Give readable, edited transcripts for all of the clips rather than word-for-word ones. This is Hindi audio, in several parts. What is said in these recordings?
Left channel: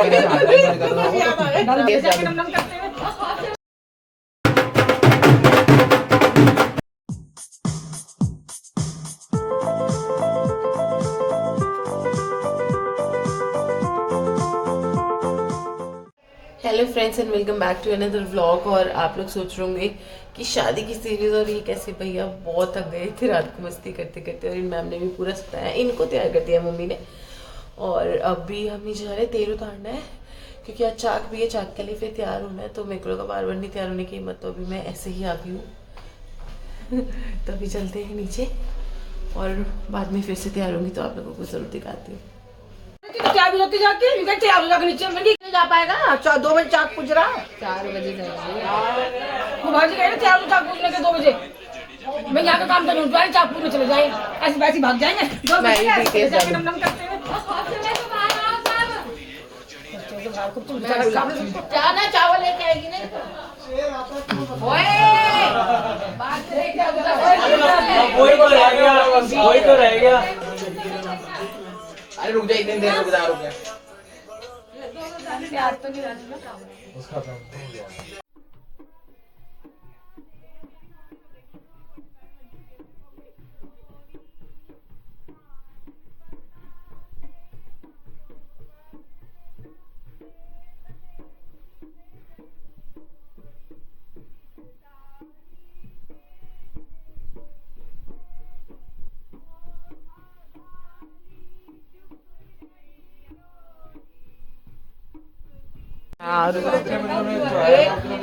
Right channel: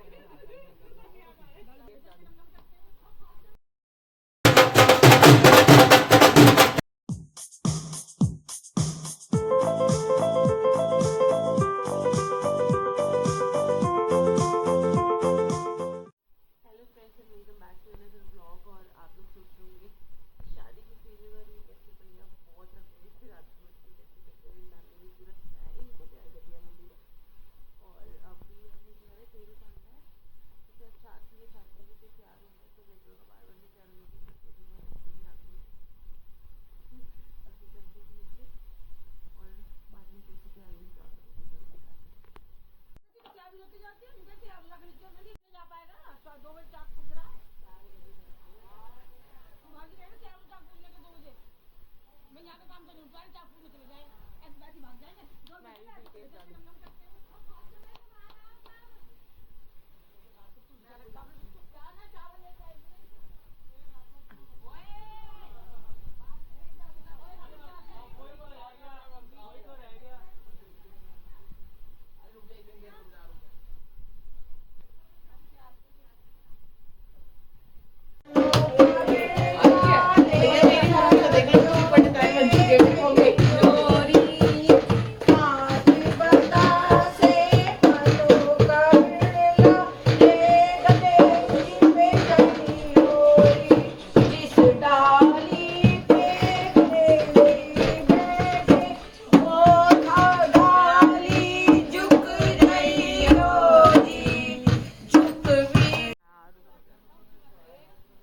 Hello friends and welcome back to another vlog. और आप लोग सोच रहे होंगे कि शादी की सीरीज और ये कैसे, भैया बहुत थक गए थे रात को मस्ती करते करते, और इन मैम ने भी पूरा सताया, इनको तैयार कर दिया मम्मी ने। और अभी हमें जा रहे तेल उतारना है क्योंकि आज चाक भी है, चाक के लिए फिर तैयार होना है, तो मेरे को लगा बार बार नहीं तैयार होने की हिम्मत, तो अभी मैं ऐसे ही आ गई हूँ। तो अभी चलते हैं नीचे और बाद में फिर से तैयार होंगी तो आप लोगों को जरूर दिखाती हूँ। तैयार होती जाके तैयार हो जाकर नीचे मंडी जा पाएगा। 2 बजे चाक पूछ रहा, 4 बजे वो भाजी कह रहे तैयार चाक पूछने के 2 बजे मैं यहाँ का काम करूँ, चाक पूछने चले जाए, ऐसे वैसे भाग जाएंगे। चावल लेके आएगी ना, वही तो रह गया। अरे रुक जा, इतनी देर रुक जा। प्यार तो नहीं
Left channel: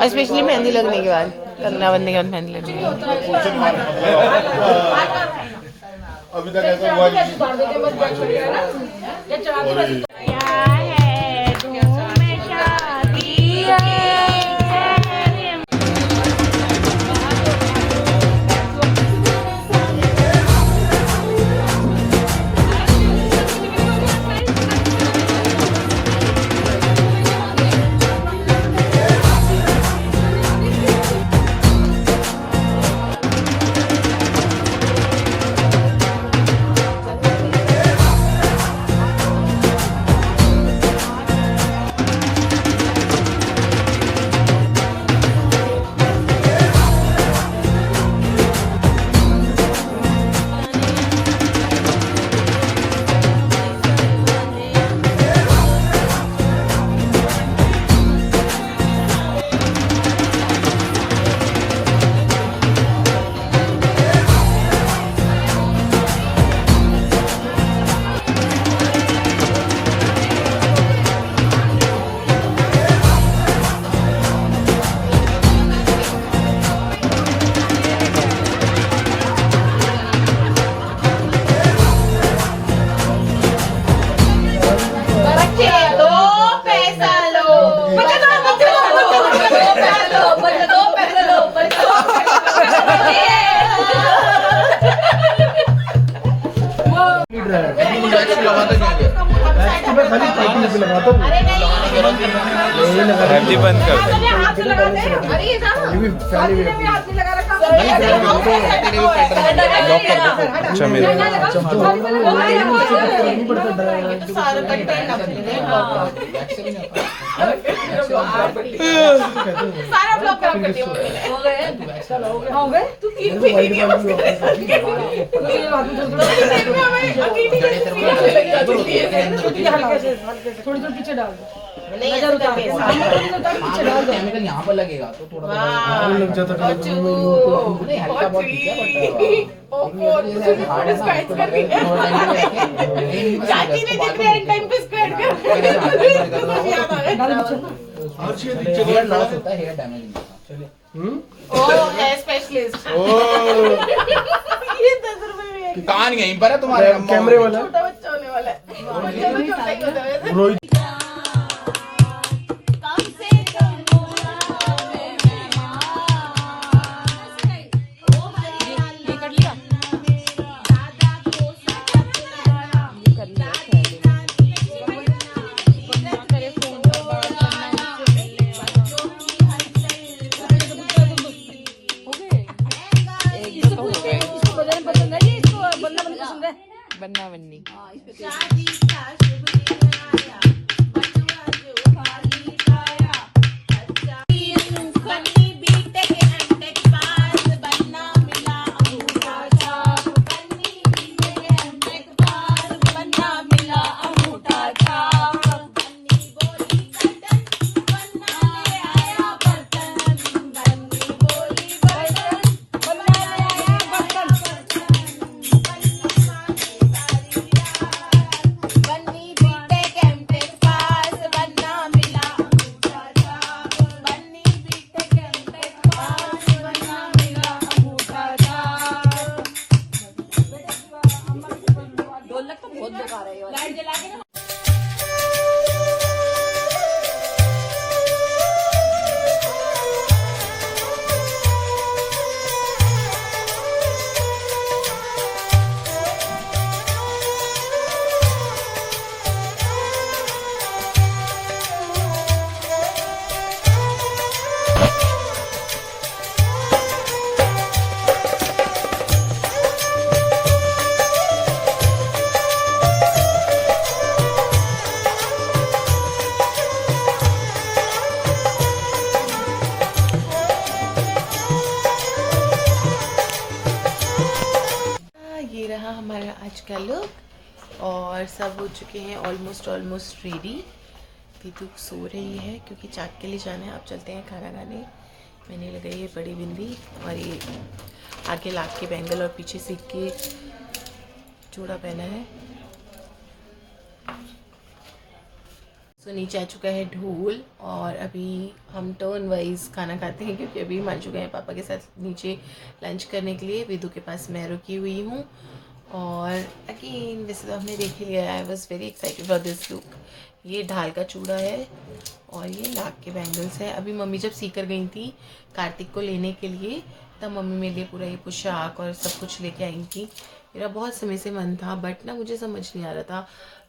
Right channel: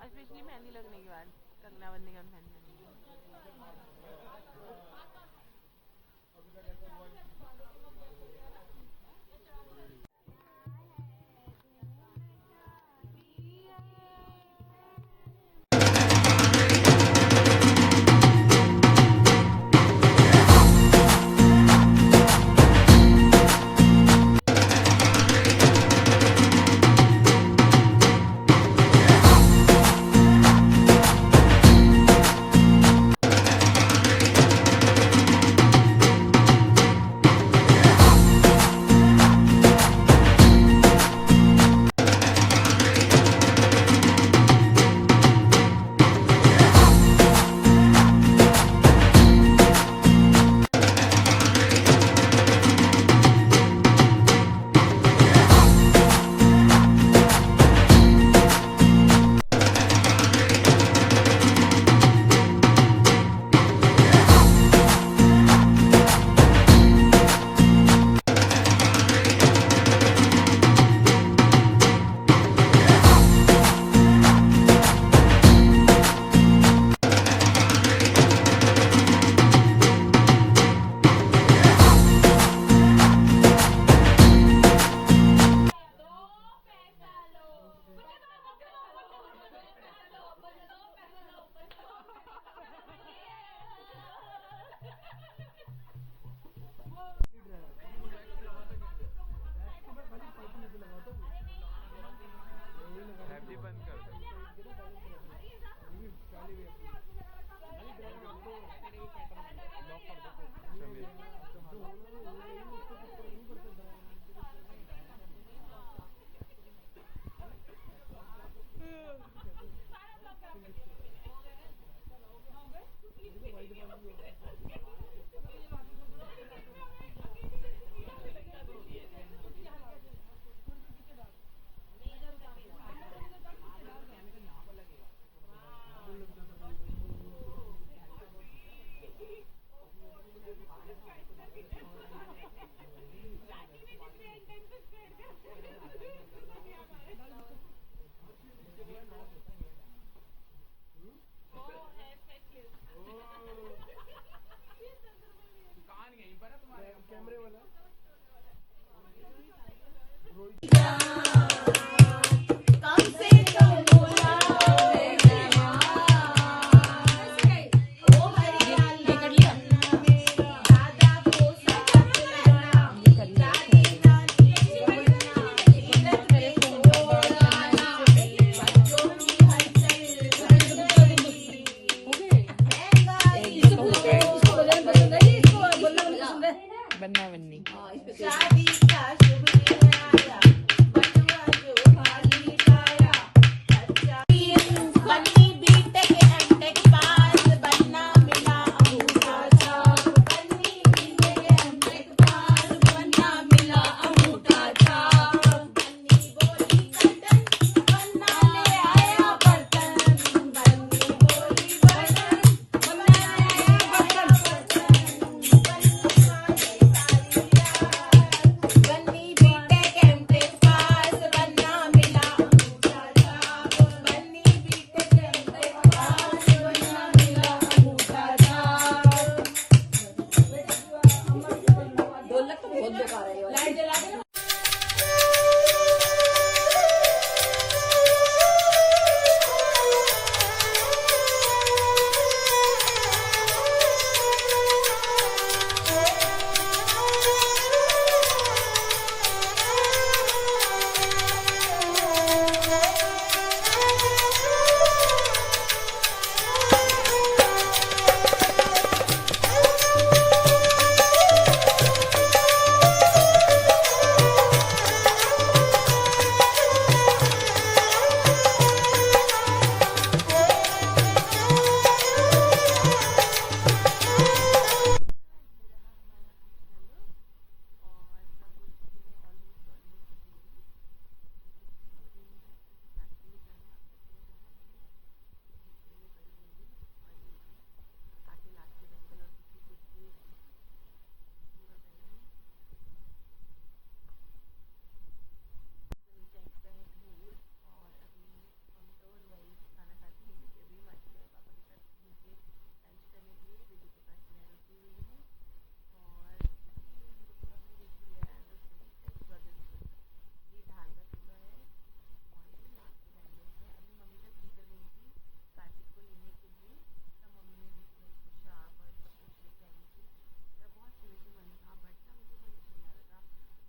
स्पेशली मेहंदी लगने के बाद, कंगना बनने के बाद मेहंदी लगने के बाद। अभी तक ऐसा हुआ नहीं। हल्दी बंद कर दे। अच्छा मेरे सारा ब्लॉक कर दिया हो गए तू की थोड़ी देर पीछे डाल दो, केमिकल यहाँ पर लगेगा तो थोड़ा लग जाता है। नहीं हल्का बहुत ठीक है बट हेयर डैमेज कहानी यहीं पर है तुम्हारे कैमरे वाला छोटा बच्चा होने वाला है। रोहित बनना बननी। हो चुके हैं ऑलमोस्ट रेडी। विदु सो रही है क्योंकि चाक के लिए जाना है। अब चलते हैं खाना खाने। मैंने लगाई है बड़ी बिंदी और ये आगे लाख के बैंगल और पीछे सीख के चूड़ा पहना है। तो नीचे आ चुका है ढोल और अभी हम टर्न वाइज खाना खाते हैं क्योंकि अभी मान चुके हैं पापा के साथ नीचे लंच करने के लिए। विदु के पास मैं रुकी हुई हूँ और अगेन वैसे तो हमने देख ही लिया। I was very excited for this look. ये ढाल का चूड़ा है और ये लाख के बैंगल्स है। अभी मम्मी जब सीकर गई थी कार्तिक को लेने के लिए तब मम्मी मेरे लिए पूरा ये पोशाक और सब कुछ लेके आई थी। मेरा बहुत समय से मन था बट ना मुझे समझ नहीं आ रहा था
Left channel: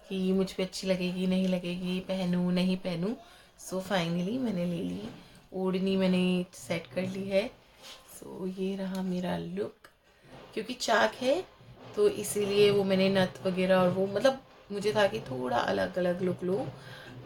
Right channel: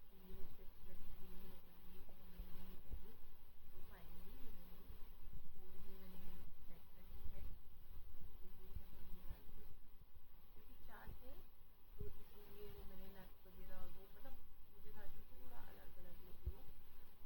कि मुझ पे अच्छी लगेगी नहीं लगेगी, पहनूँ नहीं पहनूँ। सो फाइनली मैंने ले ली। ओढ़नी मैंने सेट कर ली है। सो ये रहा मेरा लुक। क्योंकि चाक है तो इसीलिए वो मैंने नथ वगैरह और वो मतलब मुझे था कि थोड़ा अलग अलग लुक लूँ।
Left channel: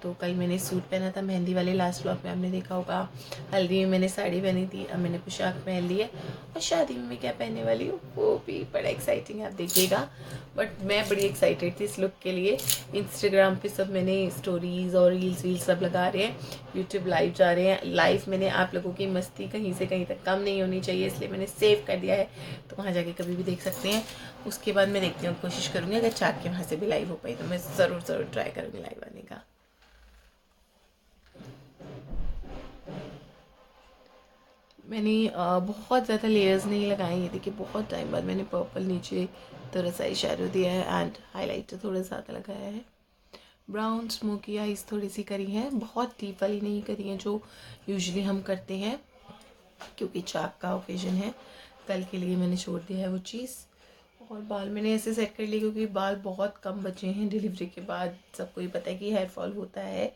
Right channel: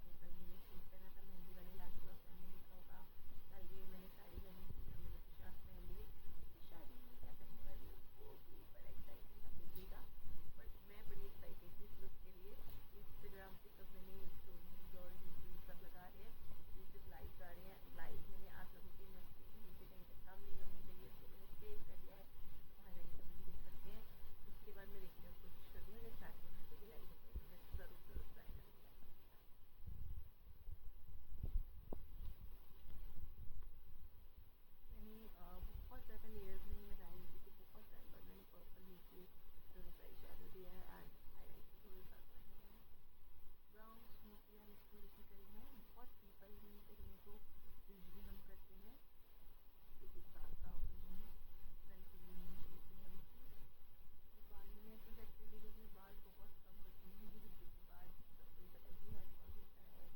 तो कल मैंने सूट पहना था मेहंदी वाले, लास्ट व्लॉग में आपने देखा होगा। हल्दी में मैंने साड़ी पहनी थी, अब मैंने पोशाक पहन ली है। और शादी में मैं क्या पहनने वाली हूँ वो भी बड़ा एक्साइटिंग है, आप देखिएगा। बट मैं बड़ी एक्साइटेड थी इस लुक के लिए। इंस्टाग्राम पे सब मैंने स्टोरीज़ और रील्स वील्स सब लगा रहे हैं। यूट्यूब लाइव जा रहे हैं। लाइव मैंने आप लोगों की मस्ती कहीं से कहीं तक कम नहीं होनी चाहिए इसलिए मैंने सेव कर दिया है, तो वहाँ जाके कभी भी देख सकते हैं। उसके बाद मैं देखती हूँ, कोशिश करूँगी अगर चाक के वहाँ से भी लाइव हो पाई तो मैं ज़रूर ट्राई करूँगी लाइव आने का। मैंने बहुत ज़्यादा लेयर्स नहीं लगाए। ये देखिए बहुत टाइम बाद मैंने पर्पल नीचे थोड़ा सा इशारा दिया है एंड हाईलाइटर थोड़ा ज़्यादा लगाया है। ब्राउन स्मोकी आइज थोड़ी सी करी है, बहुत डीप वाली नहीं करी है जो यूजुअली हम करते हैं क्योंकि चाक का ओकेजन है। कल के लिए मैंने छोड़ दिया है वो चीज़। और बाल मैंने ऐसे सेट कर लिए क्योंकि बाल बहुत कम बचे हैं डिलीवरी के बाद। सबको ही पता है कि हेयर फॉल होता है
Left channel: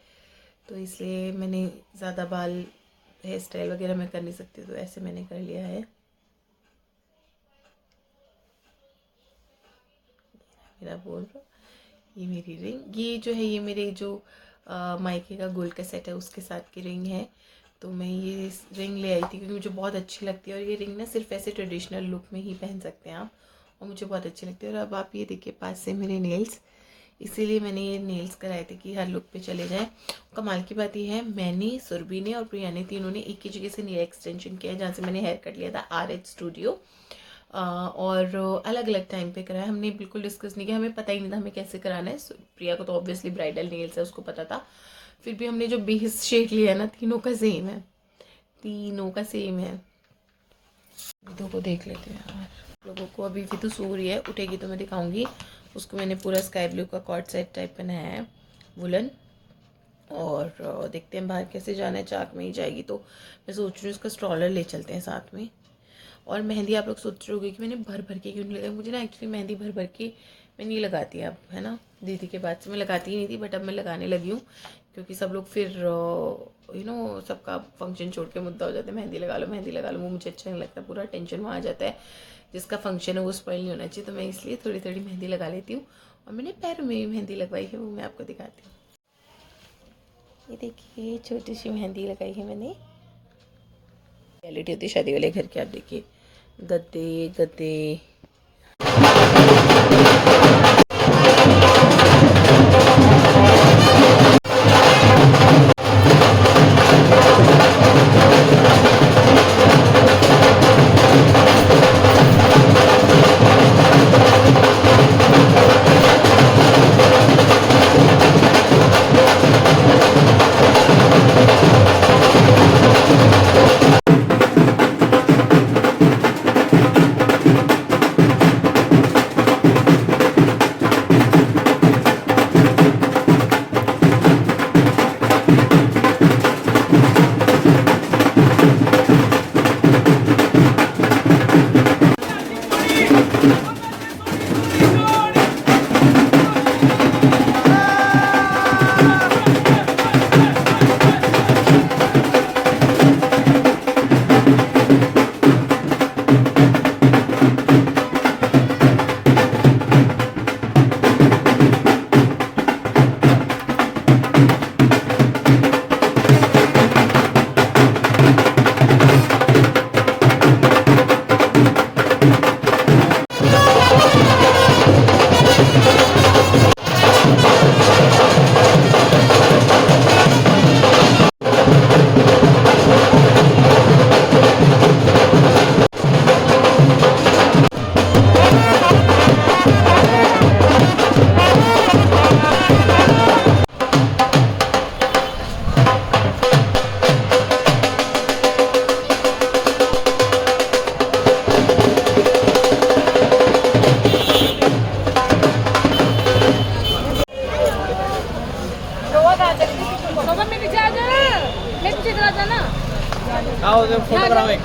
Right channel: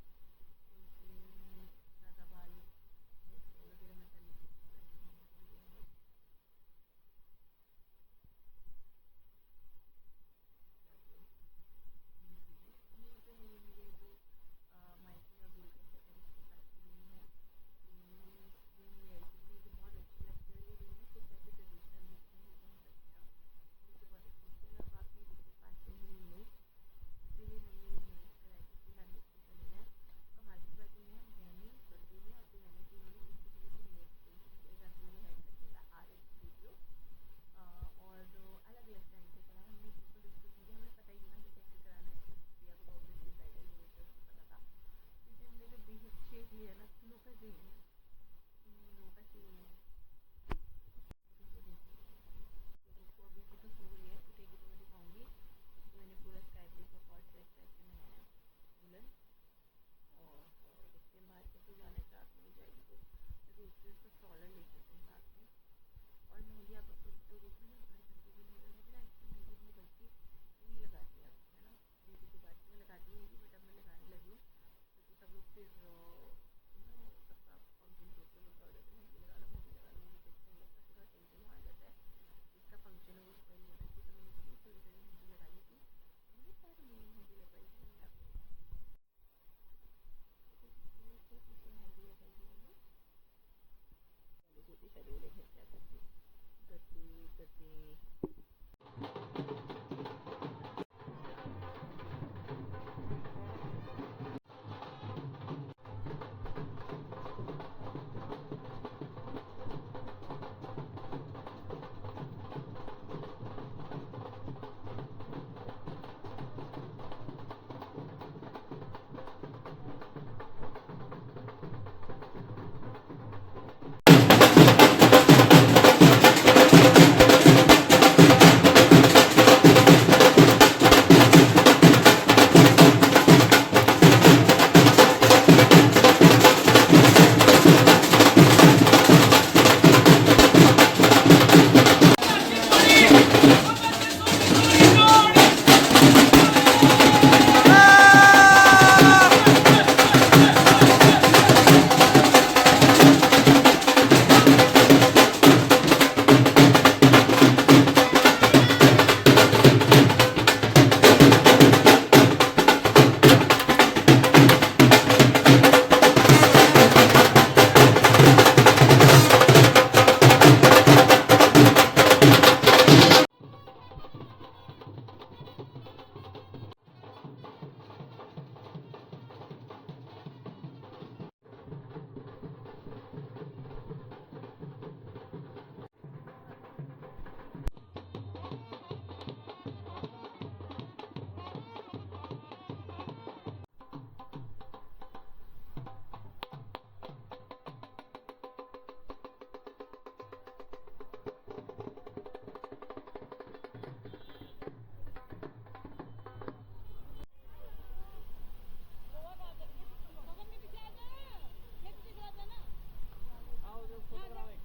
तो इसलिए मैंने ज़्यादा बाल हेयर स्टाइल वगैरह मैं कर नहीं सकती तो ऐसे मैंने कर लिया है। मेरा बोल रहा ये मेरी रिंग, ये जो है ये मेरे जो मायके का गोल्ड का सेट है उसके साथ की रिंग है। तो मैं ये रिंग ले आई थी क्योंकि मुझे बहुत अच्छी लगती है और ये रिंग ना सिर्फ ऐसे ट्रेडिशनल लुक में ही पहन सकते हैं आप और मुझे बहुत अच्छी लगती है। और अब आप ये देखिए पास से मेरे नेल्स, इसीलिए मैंने ये नेल्स कराए थे कि हर लुक पे चले जाए। कमाल की बात ये है मैंने, सुरभि ने और प्रिया ने तीनों ने एक ही जगह से नेल एक्सटेंशन किया है जहाँ से मैंने हेयर कट लिया था RH स्टूडियो। और अलग अलग टाइम पे कराया। हमने बिल्कुल डिस्कस नहीं किया, हमें पता ही नहीं था हमें कैसे कराना है। प्रिया को तो ऑब्वियसली ब्राइडल नेल्स है उसको पता था। फिर भी हमने जो बेस शेड लिया है ना तीनों का सेम है, तीनों का सेम है। विदु को देख लेते हैं यार। लोगों को अभी विदु सो रही है, उठेगी तो मैं दिखाऊंगी। उसको मैंने पूरा स्काई ब्लू का कॉर्ड सेट टाइप पहनाया है वुलन। और देखते हैं बाहर कैसे जाना है। चाक में ही जाएगी तो मैं सोच रही हूँ उसका स्ट्रॉलर ले चलते हैं साथ में। और मेहंदी आप लोग सोच रहे होंगे कि मैंने भर भर के क्यों नहीं लगाई। मुझे ना एक्चुअली मेहंदी भर भर के मैं नहीं लगाती अब, है ना। दीदी के बाद से मैं लगाती ही नहीं थी बट अब मैं लगाने लगी हूँ क्योंकि सब लोग फिर सबका फंक्शन छोड़ के मुद्दा हो जाता है मेहंदी लगा लो मेहंदी लगा लो। वो मुझे अच्छा नहीं लगता, पूरा टेंशन वहाँ आ जाता है। जिसका फंक्शन है वो स्पॉइल नहीं होना चाहिए, तो मैं इसलिए थोड़ी थोड़ी मेहंदी लगा लेती हूँ। और मैंने पैरों में भी मेहंदी लगवाई है, वो मैं आपको दिखाती हूँ। ये देखिए छोटी सी मेहंदी लगाई है मैंने। रियलिटी होती है शादी वाले घर की। आप देखिए गद्दे गद्दे। आओ फोटोग्राफ एक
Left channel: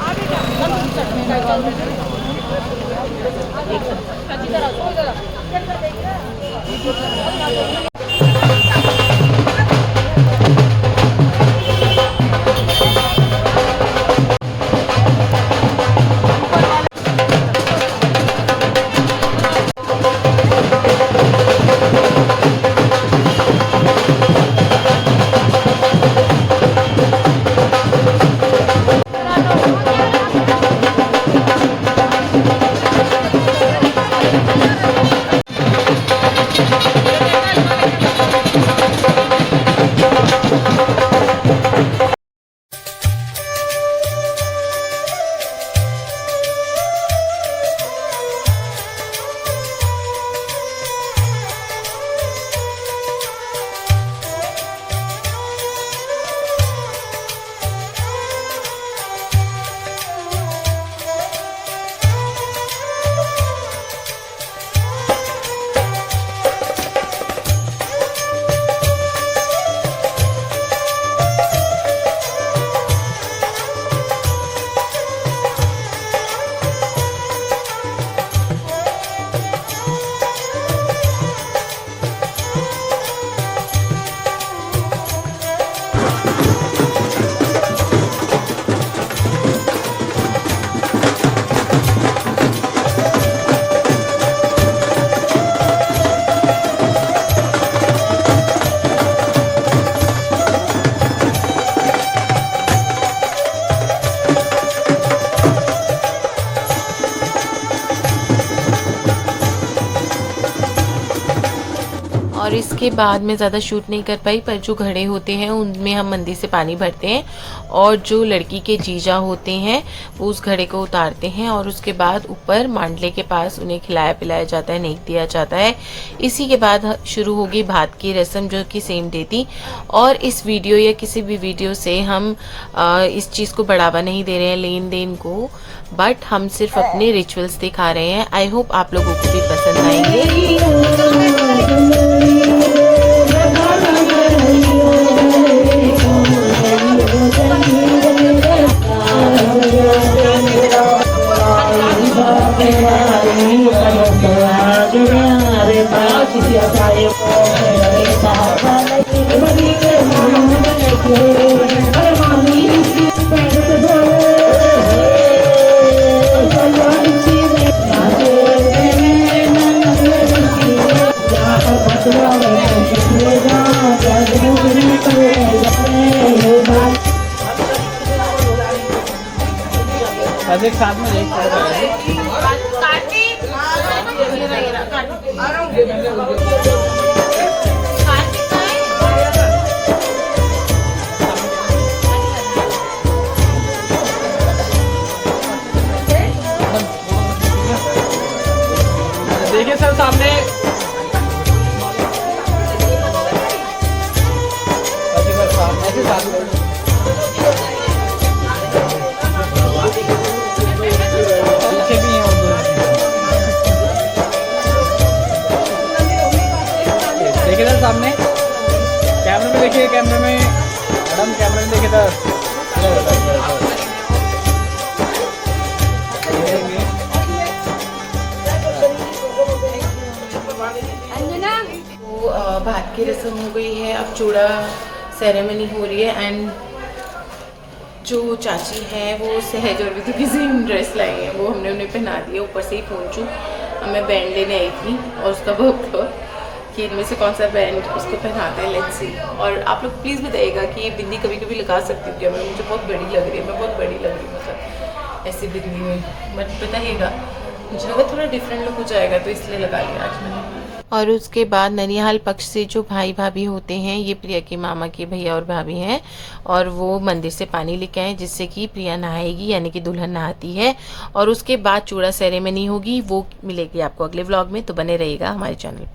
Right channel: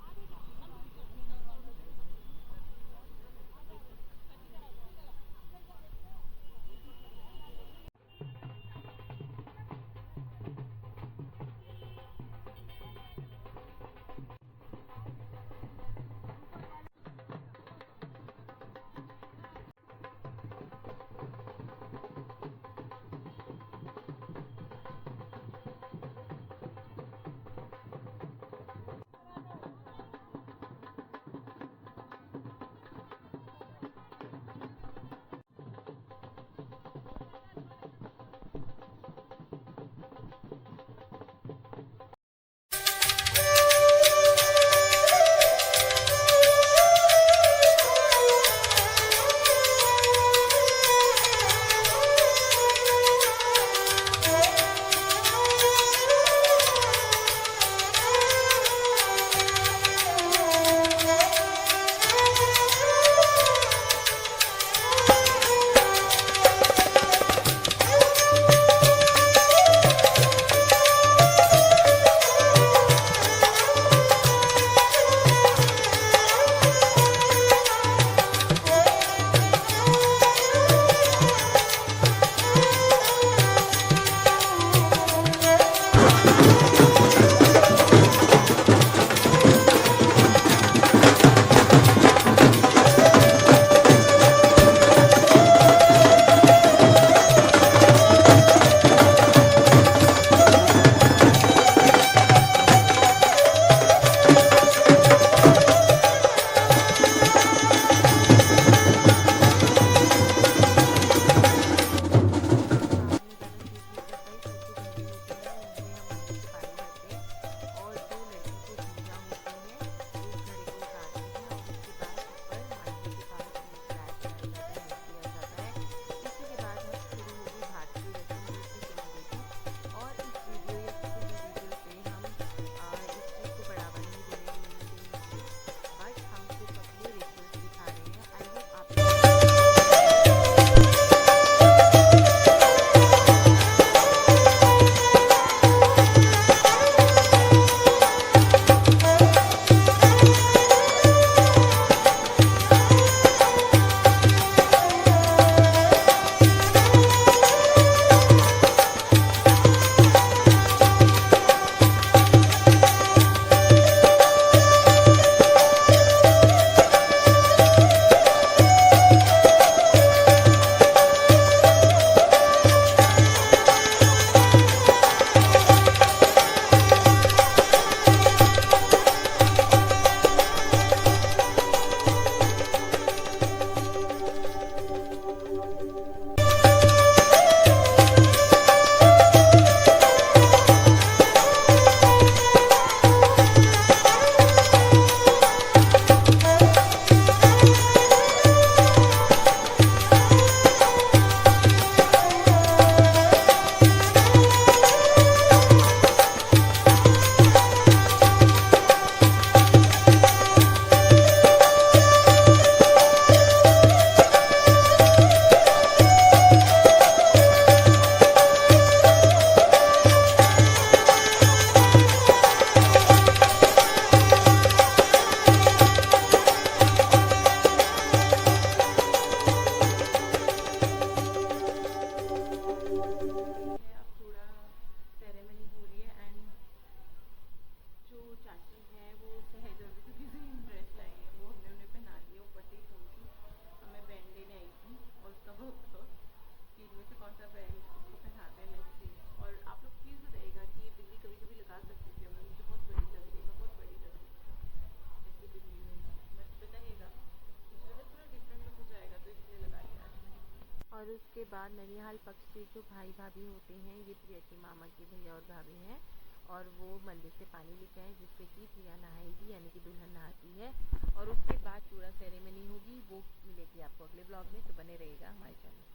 और इसके बाद मैं ज़्यादा शूट नहीं कर पाई, पर जो घड़े होते हैं उनमें हम मंदिर से पानी भरते हैं और जो लड़की के जीजा होते हैं वो उस घड़े को उतारते हैं और उसके बाद ऊपर मांडले के पास उन्हें खिलाया पिलाया जाता है, नेक दिया जाता है। इसी के बाद शुरू होगी भात की रस्म जो कि सेम डे थी। और इस वीडियो या किसी भी वीडियो से हम इस चीज़ को बढ़ावा नहीं दे रहे हैं, लेन देन को, बट हम सिर्फ अपने रिचुअल्स दिखा रहे हैं। आई होप आप लोगों को भी पसंद आएंगे। एक साथ में एक देखिए सर सामने भात की रस्म हो गई है, अब चूड़ा सेरेमनी हो रही है। एंड जो चाची है वो सहज और विधु की सेम ड्रेस लाई है, वो हमने उन्हें पहना दिया। ऊपर से ही पहुँचूँ, मैं बैंड लेने आई थी और उसका बहुत कि इनमें से कौन सा बैंड उसको पहनाते हैं, लेट्स सी। और आप लोग प्लीज़ बताइएगा कि ये बिंदी कभी कभी लगा सकती हूँ क्या मैं? मुझे बहुत बड़ी लग रही है, मैं बहुत बड़ी लग रही हूँ मतलब ऐसी बिंदी में, बट बताइएगा। मुझे लगा थोड़ा डिफरेंट लुक हो जाएगा तो इसलिए लगा लिया आज मैंने। और उसके बाद ननिहाल पक्ष से जो भाई भाभी होते हैं, ये प्रिया के मामा के भैया और भाभी हैं, और वो मंदिर से पानी लेके आए जिससे कि प्रिया नहाएगी, यानी कि दुल्हन नहाती है। और उसके बाद चूड़ा सेरेमनी होगी, वो मिलेगी आपको अगले व्लॉग में, तो बने रहिएगा हमारे चैनल पर।